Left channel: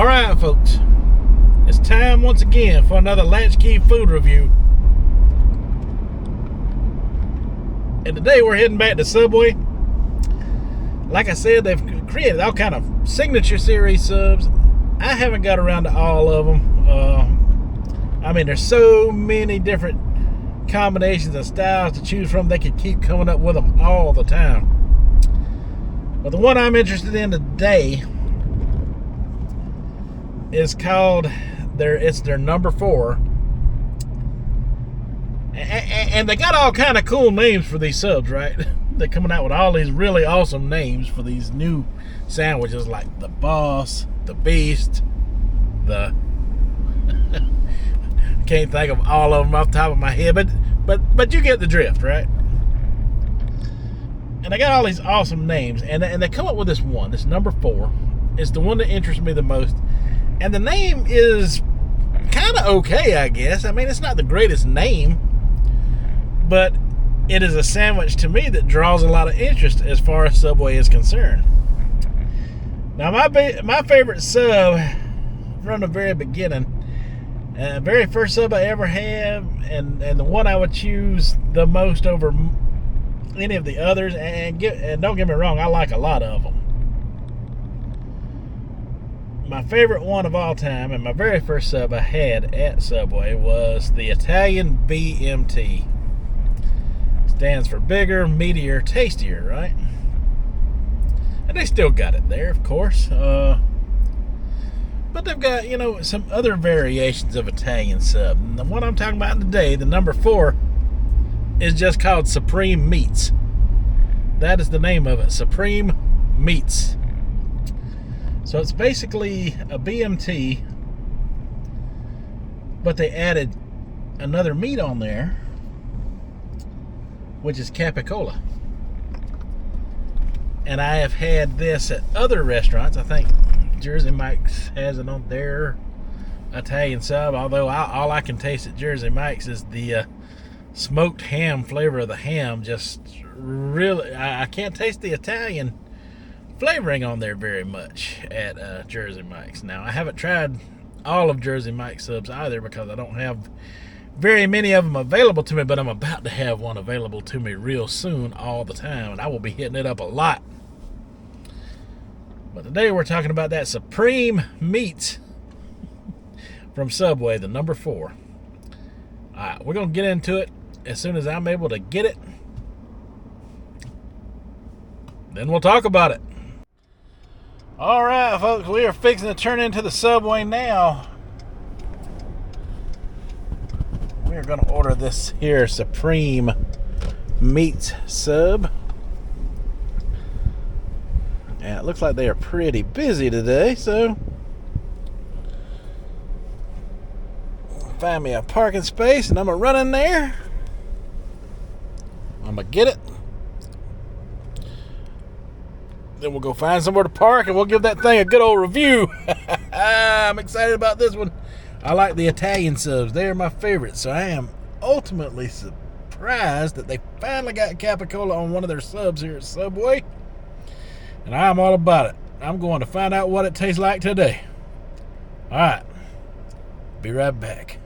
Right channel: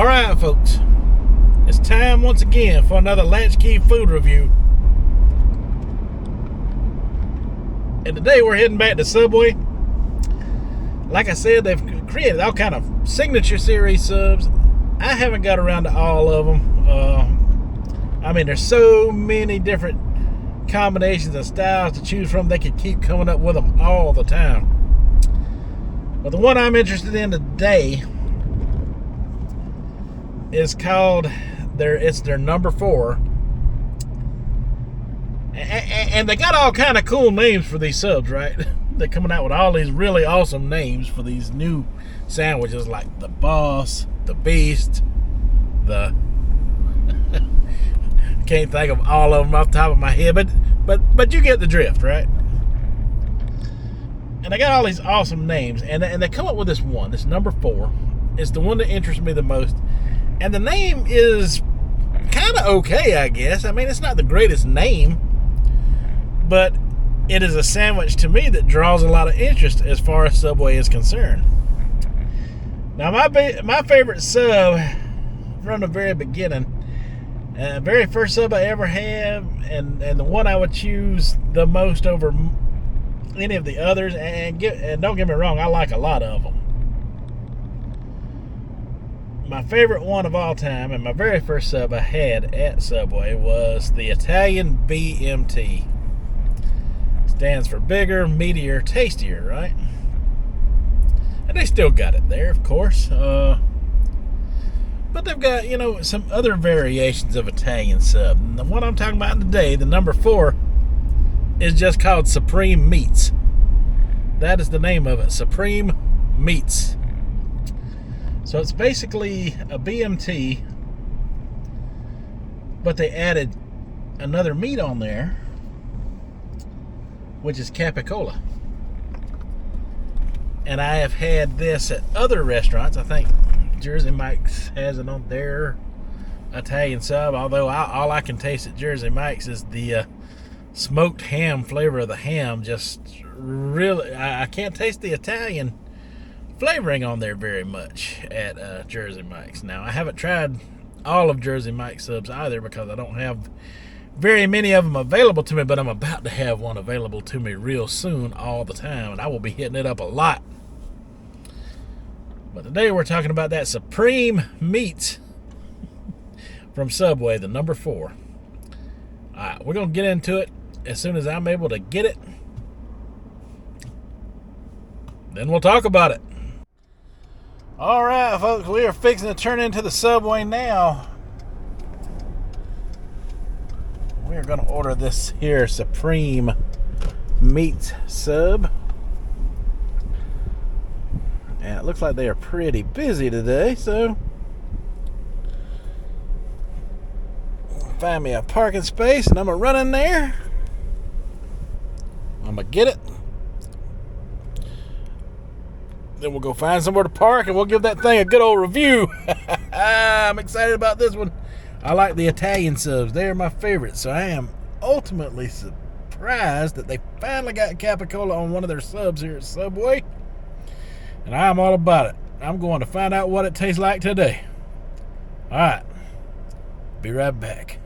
Alright folks, it's time once again for another Latchkey food review. And today we're heading back to Subway. Like I said, they've created all kind of signature series subs. I haven't got around to all of them. I mean, there's so many different combinations and styles to choose from. They could keep coming up with them all the time. But the one I'm interested in today is called their number 4. And they got all kind of cool names for these subs, right? They're coming out with all these really awesome names for these new sandwiches, like the Boss, the Beast, the can't think of all of them off the top of my head, but you get the drift, right? And they got all these awesome names, and they come up with this number 4. It's the one that interests me the most. And the name is kind of okay, I guess. I mean, it's not the greatest name, but it is a sandwich to me that draws a lot of interest as far as Subway is concerned. Now, my favorite sub from the very beginning, very first sub I ever had, and the one I would choose the most over any of the others, and don't get me wrong, I like a lot of them. My favorite one of all time, and my very first sub I had at Subway, was the Italian BMT. Stands for bigger, meatier, tastier, right? And they still got it there, of course. But they've got, some other variations of Italian sub. And the one I'm talking about today, the number 4, is just called Supreme Meats. That is the name of it, Supreme Meats. So it's basically a BMT, but they added another meat on there, which is capicola. And I have had this at other restaurants. I think Jersey Mike's has it on their Italian sub, although all I can taste at Jersey Mike's is the smoked ham flavor of the ham. Just really, I can't taste the Italian flavoring on there very much at Jersey Mike's. Now, I haven't tried all of Jersey Mike's subs either because I don't have very many of them available to me, but I'm about to have one available to me real soon all the time, and I will be hitting it up a lot. But today we're talking about that Supreme Meat from Subway, the number 4. Alright, we're going to get into it as soon as I'm able to get it. Then we'll talk about it. Alright, folks, we are fixing to turn into the Subway now. We are going to order this here Supreme Meat sub. And it looks like they are pretty busy today, so find me a parking space and I'm going to run in there. I'm going to get it. Then we'll go find somewhere to park and we'll give that thing a good old review. I'm excited about this one. I like the Italian subs. They are my favorites. So I am ultimately surprised that they finally got capicola on one of their subs here at Subway. And I'm all about it. I'm going to find out what it tastes like today. Alright. Be right back.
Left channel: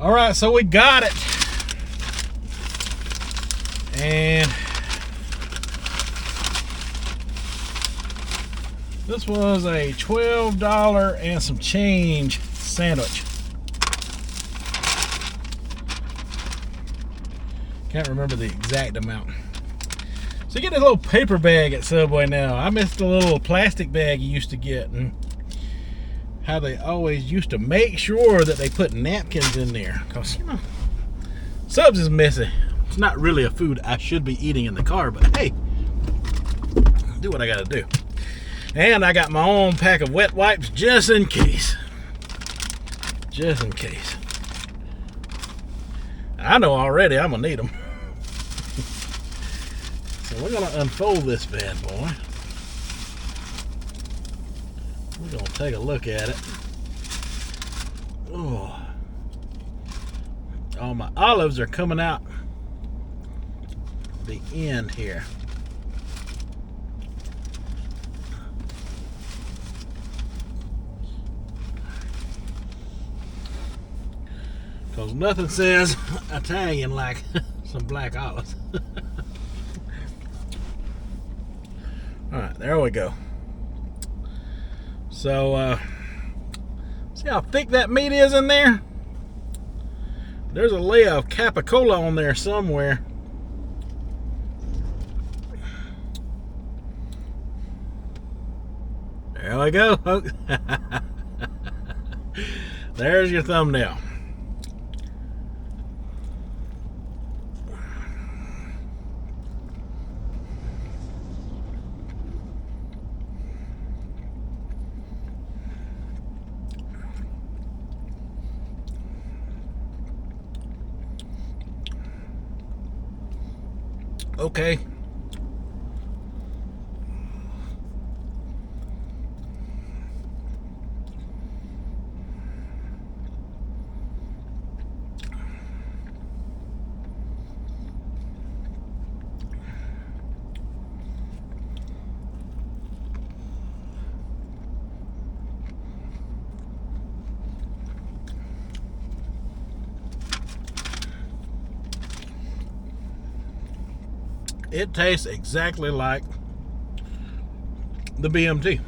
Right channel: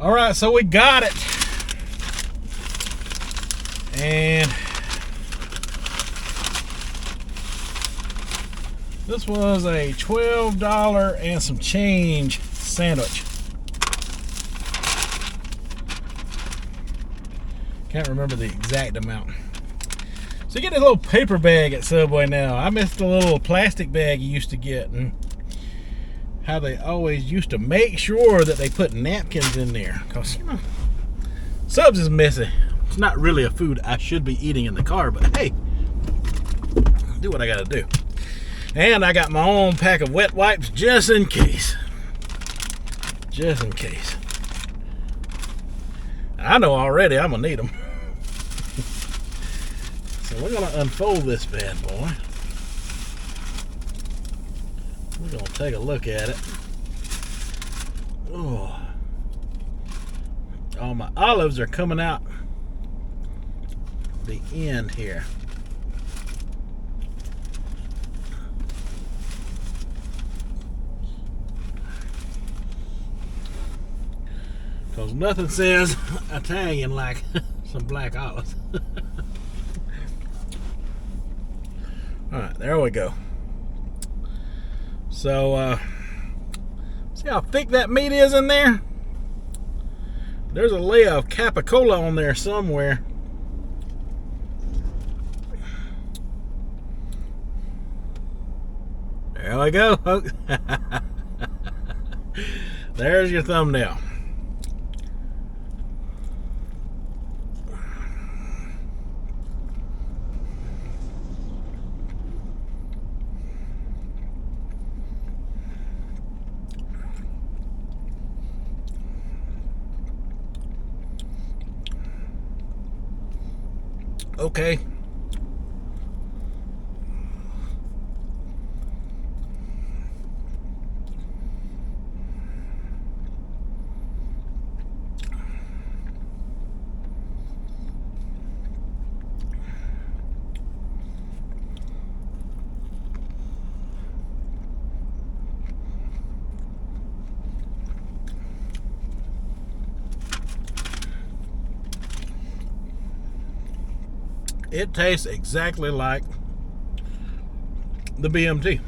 Alright, so we got it. And this was a $12 and some change sandwich. Can't remember the exact amount. So you get a little paper bag at Subway now. I miss the little plastic bag you used to get, and how they always used to make sure that they put napkins in there. Because, subs is messy. It's not really a food I should be eating in the car, but hey, do what I gotta do. And I got my own pack of wet wipes just in case. Just in case. I know already I'm gonna need them. So we're gonna unfold this bad boy. We're gonna take a look at it. Oh, all my olives are coming out the end here. Because nothing says Italian like some black olives. Alright, there we go. So, see how thick that meat is in there? There's a layer of capicola on there somewhere. There we go, folks. There's your thumbnail. Okay. It tastes exactly like the BMT.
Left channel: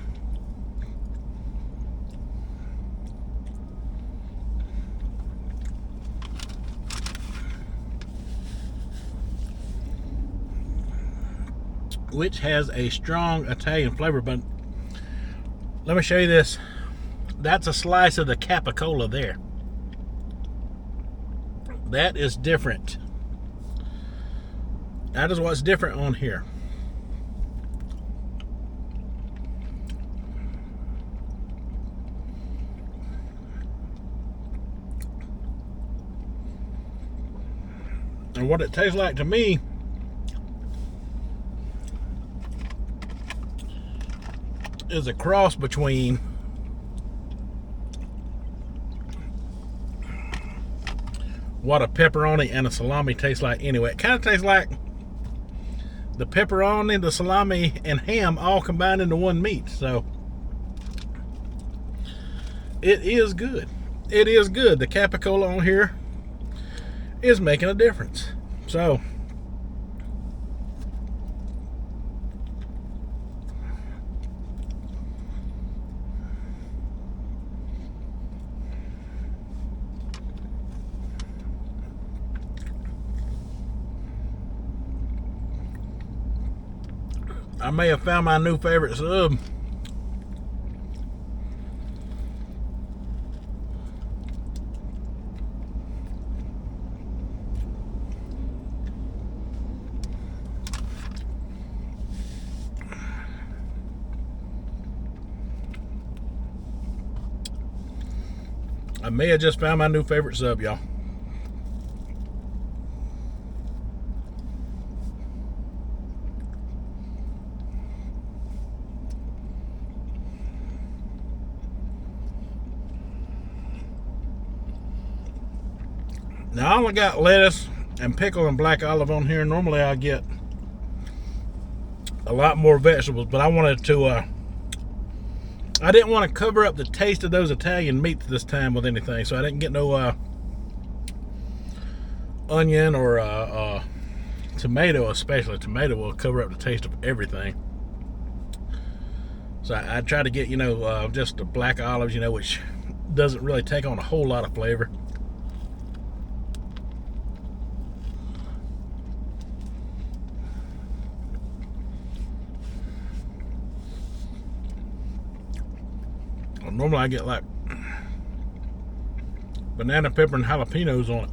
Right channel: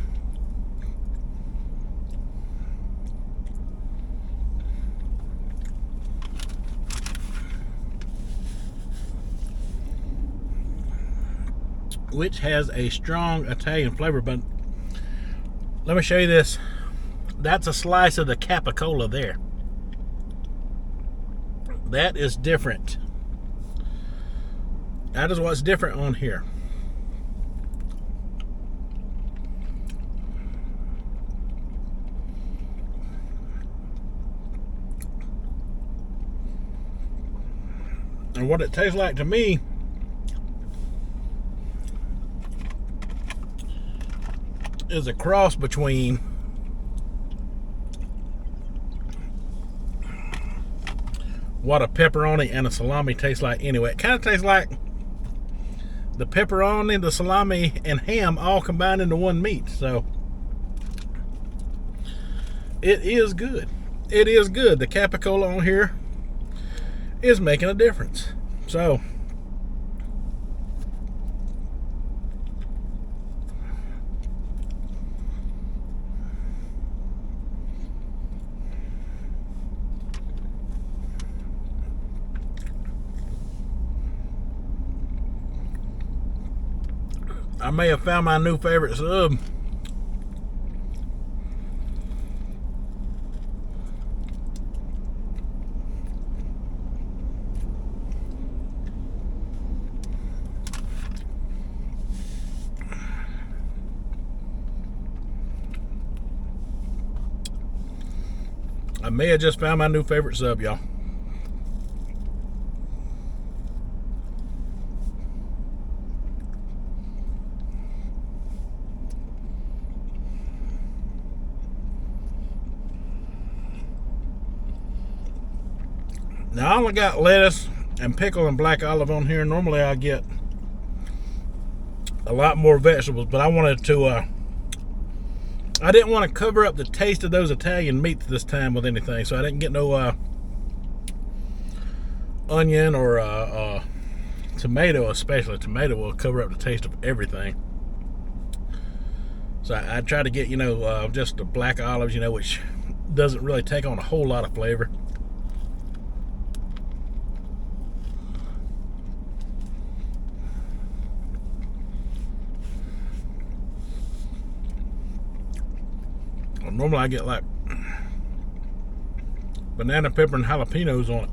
Which has a strong Italian flavor, but let me show you this. That's a slice of the capicola there. That is different. That is what's different on here. And what it tastes like to me is a cross between what a pepperoni and a salami tastes like anyway. It kind of tastes like the pepperoni, the salami, and ham all combined into one meat. So it is good. It is good. The capicola on here is making a difference. So I may have found my new favorite sub. I may have just found my new favorite sub, y'all. Now I only got lettuce and pickle and black olive on here. Normally I get a lot more vegetables, but I wanted to I didn't want to cover up the taste of those Italian meats this time with anything, so I didn't get no onion or tomato. Especially tomato will cover up the taste of everything. So I tried to get, just the black olives, which doesn't really take on a whole lot of flavor. Normally I get like banana pepper and jalapenos on it.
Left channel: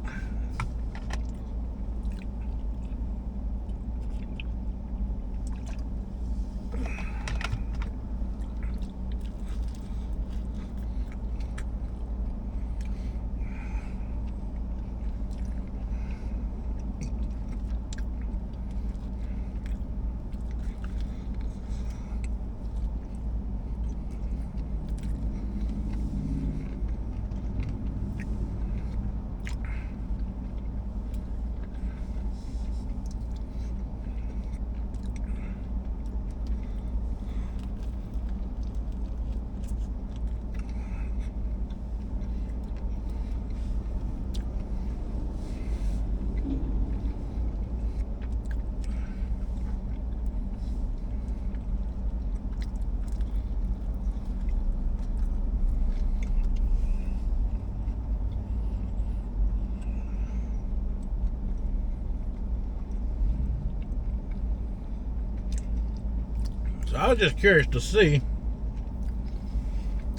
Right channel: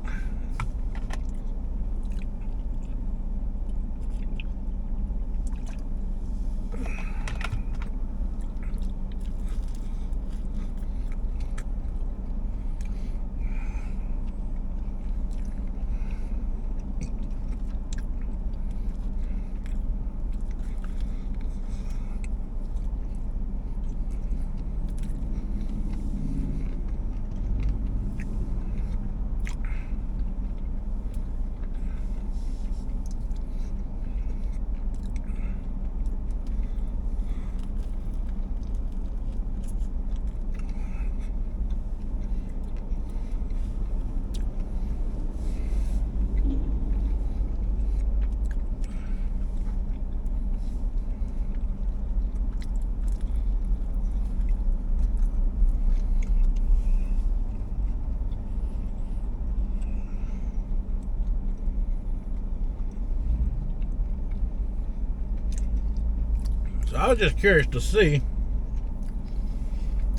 I was just curious to see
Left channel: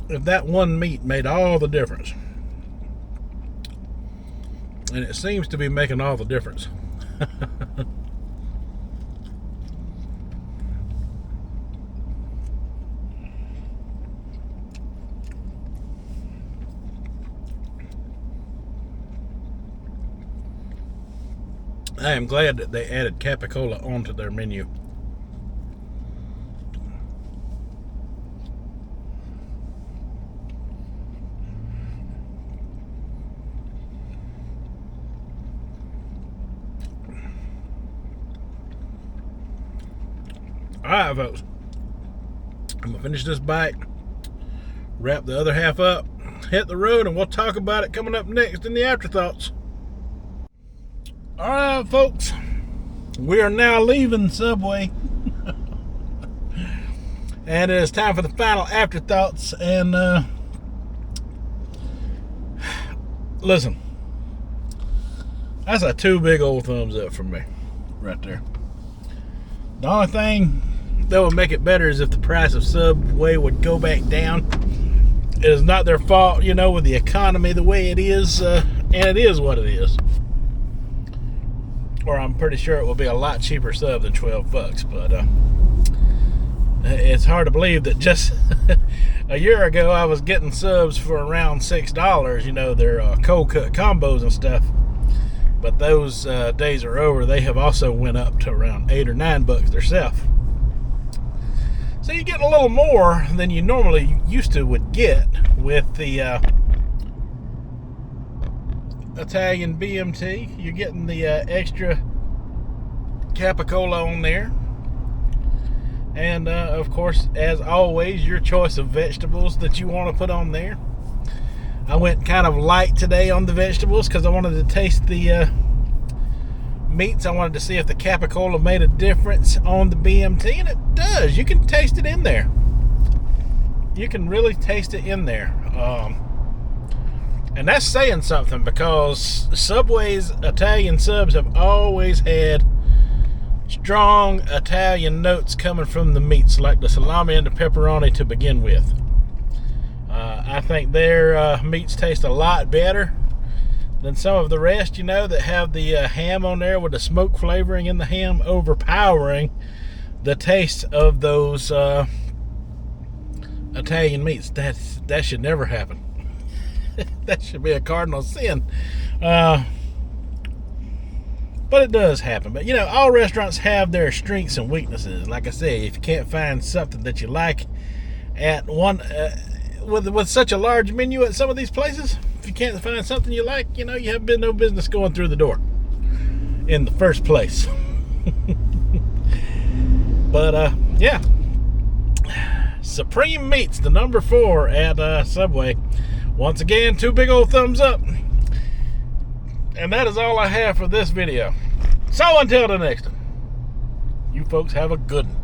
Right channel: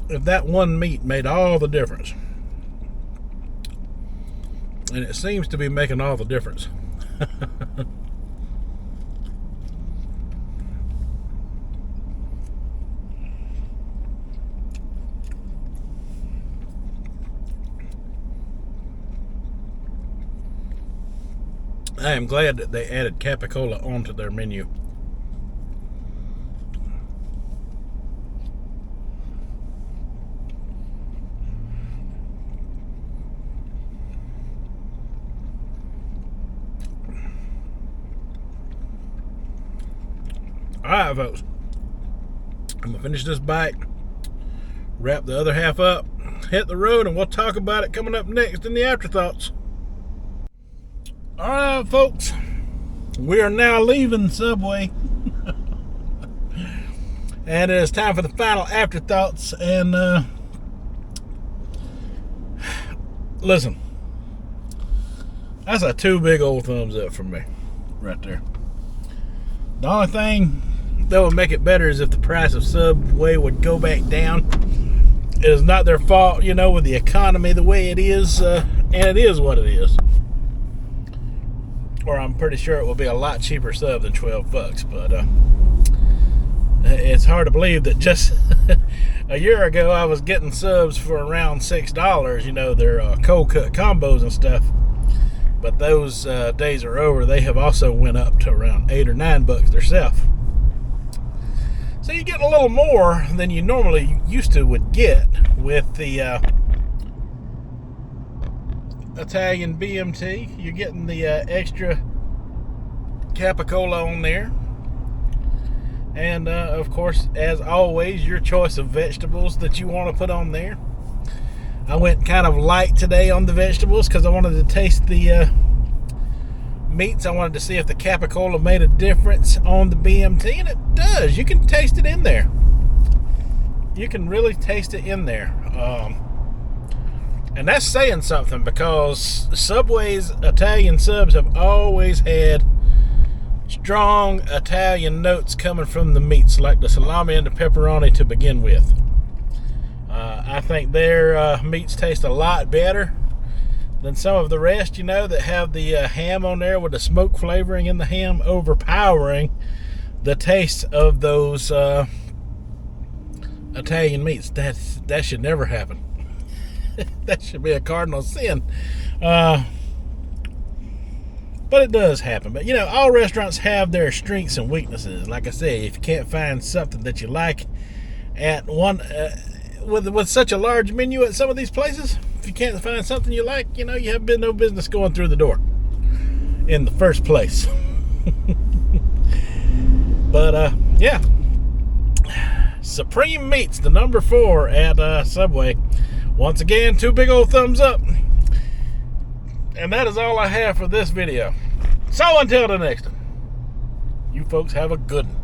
if that one meat made all the difference. And it seems to be making all the difference. I am glad that they added capicola onto their menu. Alright, folks. I'm going to finish this bite, wrap the other half up, hit the road, and we'll talk about it coming up next in the afterthoughts. Alright, folks, we are now leaving Subway. And it is time for the final afterthoughts. And listen, that's a 2 big old thumbs up from me right there. The only thing that would make it better is if the price of Subway would go back down. It is not their fault, you know, with the economy the way it is, and it is what it is. Or I'm pretty sure it will be a lot cheaper sub than $12, but it's hard to believe that just a year ago I was getting subs for around $6, you know, their cold cut combos and stuff. But those days are over. They have also went up to around $8 or $9 themselves. So you get a little more than you normally used to would get with the Italian BMT. You're getting the extra capicola on there. And of course, as always, your choice of vegetables that you want to put on there. I went kind of light today on the vegetables because I wanted to taste the meats. I wanted to see if the capicola made a difference on the BMT, and it does. You can taste it in there. You can really taste it in there. And that's saying something, because Subway's Italian subs have always had strong Italian notes coming from the meats, like the salami and the pepperoni to begin with. I think their meats taste a lot better than some of the rest, you know, that have the ham on there with the smoke flavoring in the ham overpowering the taste of those Italian meats. That should never happen. That should be a cardinal sin. But it does happen. But, you know, all restaurants have their strengths and weaknesses. Like I say, if you can't find something that you like at one... with such a large menu at some of these places, if you can't find something you like, you know, you have no business going through the door in the first place. But yeah, Supreme Meats, the number 4 at Subway. Once again, 2 big old thumbs up. And that is all I have for this video. So until the next one, you folks have a good one.